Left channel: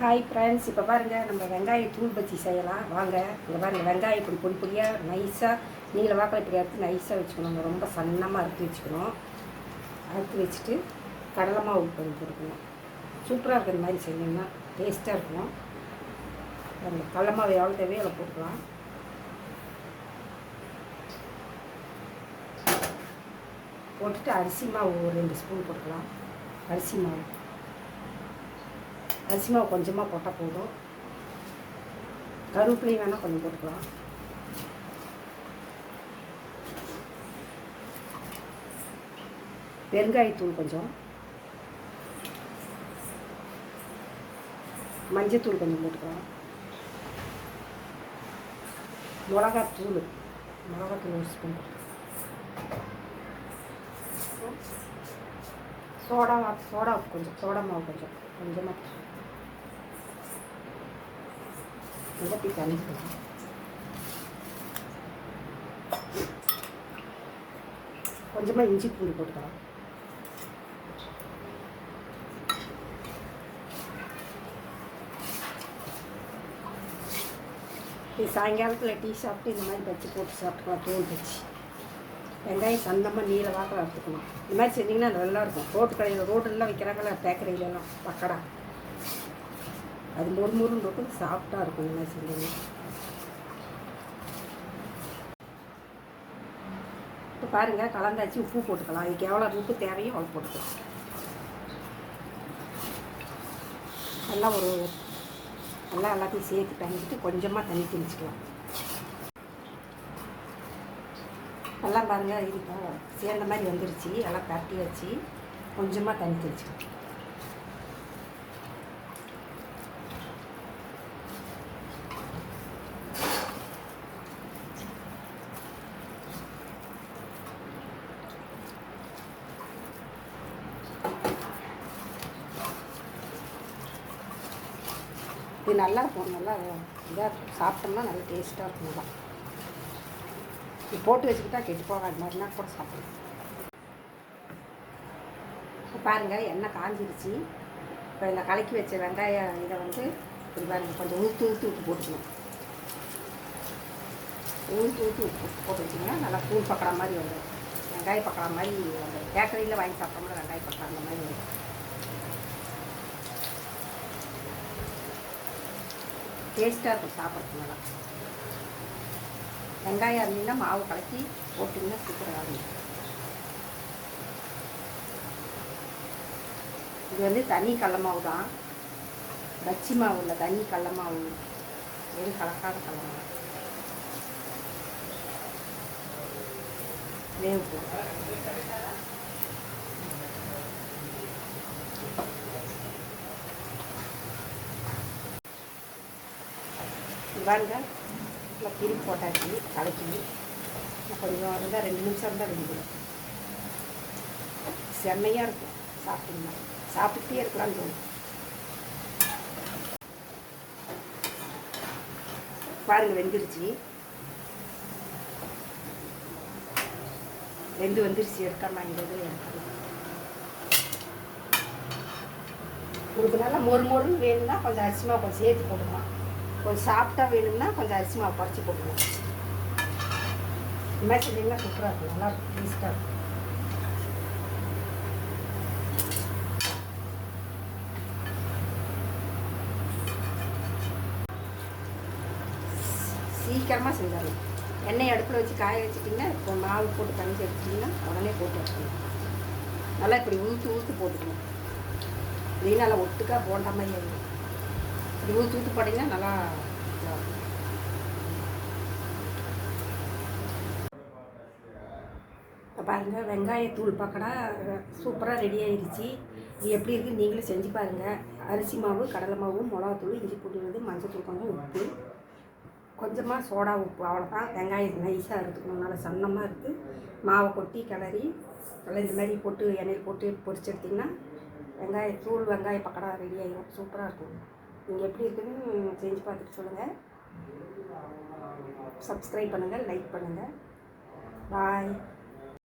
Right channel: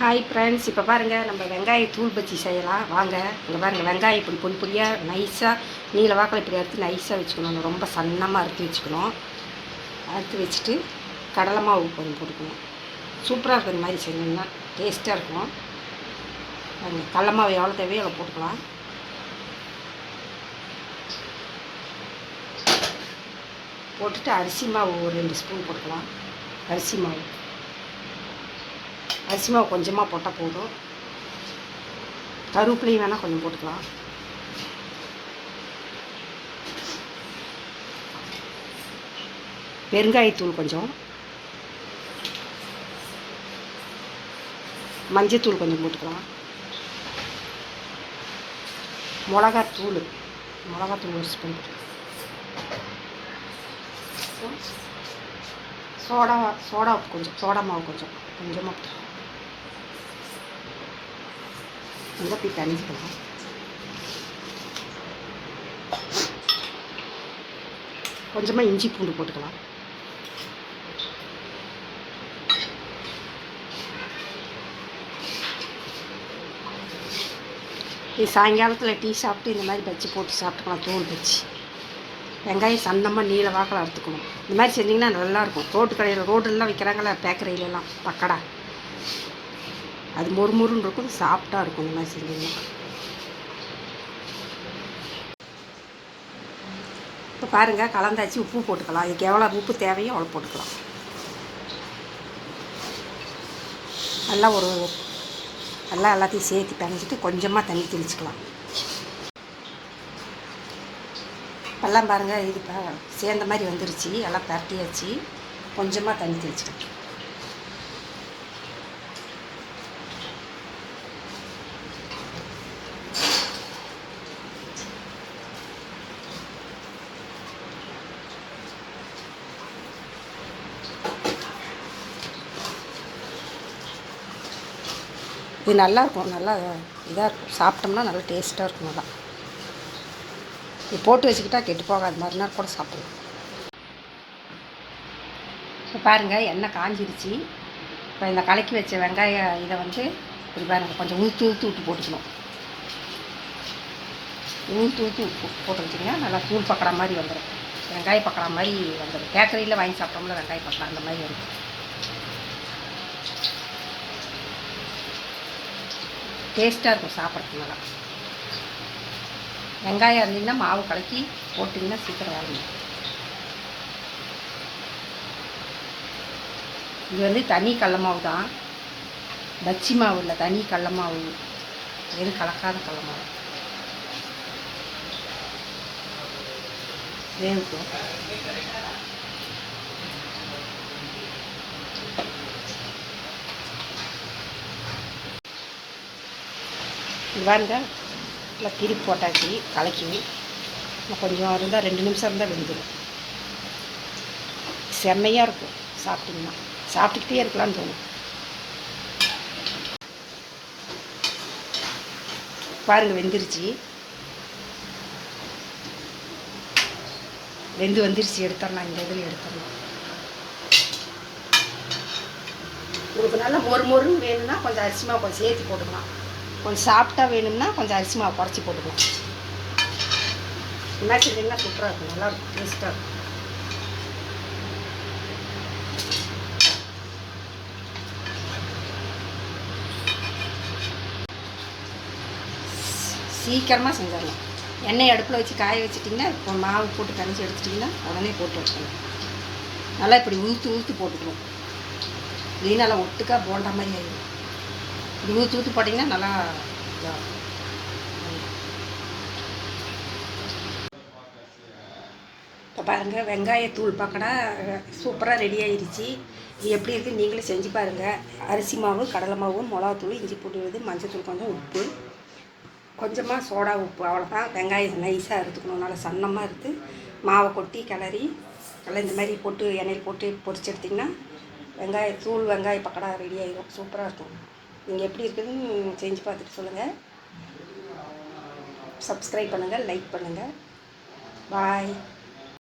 Hi friends, இப்போ பாருங்கள் நம்ம வெங்காய தூள் பஜ்ஜி செய்யலாம் வாங்க. இங்கே பாருங்கள், வெங்காயம் இப்படி பொடி பொடியாக நைஸாக நீல வாக்கில் இப்படி அறுத்து நைஸாக வச்சுக்கணும். ரொம்ப சன்னமாக அறுத்து வச்சுக்கணும். அறுத்து வச்சுட்டு கடலை மாவு கொஞ்சம் போட்டுக்கணும். சூப்பராக இருக்கும். இந்த மாதிரி செஞ்சோம்னா டேஸ்ட்டாக இருக்கும். அந்த கடலை மாவு எவ்வளோ தேவையோ அவ்வளோ போட்டுக்கலாம். போட்டுட்டு அரிசி மாவு ஒரு 2 ஸ்பூன் போட்டுக்கலாம். அரிசி மாவு கொஞ்சமாக போட்டால் போதும். கருவேப்பிலையும் வேணால் கொஞ்சம் போட்டுக்கலாம். பெருங்காயத்தூள் கொஞ்சம், மஞ்சத்தூள் கொஞ்சம் போட்டுக்கலாம். மிளகாத்தூள் 1 ஸ்பூன். சோடா கொஞ்சம், சோடா மாவு கொஞ்சமாக இப்படி தனிஞ்சிக்கலாம். கொஞ்சமாக இஞ்சி பூண்டு போட்டுக்கலாம். இது சாயங்காலத்தில் டீ சாப்பிட்டு இந்த மாதிரி பஜ்ஜி போட்டு சாப்பிட்டுக்கலாம். தூள் பஜ்ஜி வெங்காயம் சன்னமாக நீல வாக்கில் அறுத்துக்கணும். இந்த மாதிரி செஞ்சிங்கன்னா நல்லாயிருக்கும். ரோடெல்லாம் விற்கிறாங்களே பேக்கரியிலலாம் பக்கடா, அது மொறுமொறுன்னு இருக்கும், சாஃப்டாக இருக்கும். இந்த மாதிரி செஞ்சிங்கன்னா இப்போ பாருங்கள், கலந்தாச்சு. உப்பு போட்டுக்கலாம். இதுக்கு எவ்வளோ உப்பு தேவையோ அவ்வளோ போட்டுக்கலாம். எல்லாத்தையும் சேர்த்து பிணைஞ்சிட்டு கொஞ்சமாக தண்ணி தெளிச்சிக்கலாம். எல்லாம் பாருங்கள், இது சேர்ந்த மாதிரி வந்துருச்சு. எல்லாம் பரட்டியாச்சு. கொஞ்சமாக தண்ணி தெளிச்சிக்கலாம். இது நல்லாயிருக்கும். நல்லா இதாக இருக்கும். சாப்பிட்டோம்னா நல்லா டேஸ்ட்டாக இருக்கும். நல்லா இது போட்டு வச்சுக்கிட்டா கெட்டு போகாது. மறுநாள் கூட சாப்பிடலாம். இப்போ பாருங்கள், எண்ணெய் காஞ்சிருச்சு. இப்போ இந்த கலக்கி வச்ச வெங்காயம் இதை இது பாருங்கள், கொஞ்சம் ஊற்றி விட்டு போட்டுக்கணும். ஊற்றி போட்டு வச்சிங்கன்னா நல்லா தூள் பக்கடா மாதிரி வந்துடும். வெங்காய பக்கடா மாதிரி வந்துடும். பேக்கரியில் வாங்கி சாப்பிட்டோம்னா வெங்காய பக்கடா அந்த மாதிரி வரும். டேஸ்ட்டாக இருக்கும் சாப்பிட்றதுக்கு. நல்லா வெங்காயம் இருந்தீங்கன்னா மாவு கலக்கி போட்டிங்கன்னா சீக்கிரம் ஆகும். இது தனி கடல மாவு தான், பஜ்ஜி மாவு இல்லை. தனி கடல மாவு, எதுவும் கலக்காத கடல மாவு. வேணும் வாங்க. நல்லா திருப்பி போட்டாச்சு. கலக்கி கொஞ்சம் இருந்தால் 2 நிமிஷம் இருந்தால் வெந்துடும். செம்மையாக இருக்கும். சாப்பிட்டிங்கன்னா சாப்பிட்டுக்கிட்டே இருக்கலான்னு தோணும். பாருங்கள், வெந்துருச்சு. வந்துருச்சு. எடுத்துடலாம். இந்த இதில் எடுத்துடலாம். உங்களுக்கு நல்லா மொறுன்னு வேணும்னா கொஞ்சம் அரிசி மாவு கொஞ்சம் சேர்த்து போட்டுக்கலாம். கொஞ்சம் சாஃப்டாக வேணும்னா கொஞ்சம் அரிசி மாவு குறைச்சி போட்டுக்கலாம். இந்த மாதிரி செஞ்சிங்கன்னா சூப்பராக இருக்கும். நல்லா இருக்கும். டேஸ்ட்டாக இருக்கும். சீக்கிரமாக செஞ்சிடலாம். எண்ணெய் அடுப்பில் வச்சு காய வச்சிட்டிங்கன்னா இப்போ மாவு போட்டு கரைச்சி எடுத்துட்டிங்கன்னா உடனே போட்டு வச்சுக்கணும். நல்லா இப்படி ஊற்று போட்டுக்கணும். இல்லைன்னா நல்லா ஒட்டுக்கா போண்டா மாதிரி ஆகிடும். இப்படி ஊற்று போட்டிங்கன்னா நல்லா. இப்போ பாருங்கள், வெங்காயத்தூள் பக்கடா சூப்பராக ரெடி ஆகிடுச்சு. இது எப்படி இருக்குது நீங்களே செஞ்சு பாருங்கள். அரிசி மாவு, கடலை மாவு, மிளகாத்தூள், இஞ்சி பூண்டு, மஞ்சத்தூள், கொஞ்சம் உப்பு, கொஞ்சமாக சோடா உப்பு, அவ்வளோதான். வெங்காயம் நைஸாக எடுத்துக்கணும். நல்லா சன்னமாக எடுத்து மாவை கொட்டி கிளறி இந்த மாதிரி போட்டு எண்ணெயில் போட்டு பொரிச்சு எடுத்திங்கன்னா வெங்காய பக்கடா ரெடி ஆகிடும். சூப்பராக இருக்கும். நீங்கள் எப்படி இருக்குதுன்னு செஞ்சு பார்த்துட்டு சொல்லுங்கள். சப்ஸ்கிரைப் பண்ணுங்கள், லைக் பண்ணுங்கள். பாய்.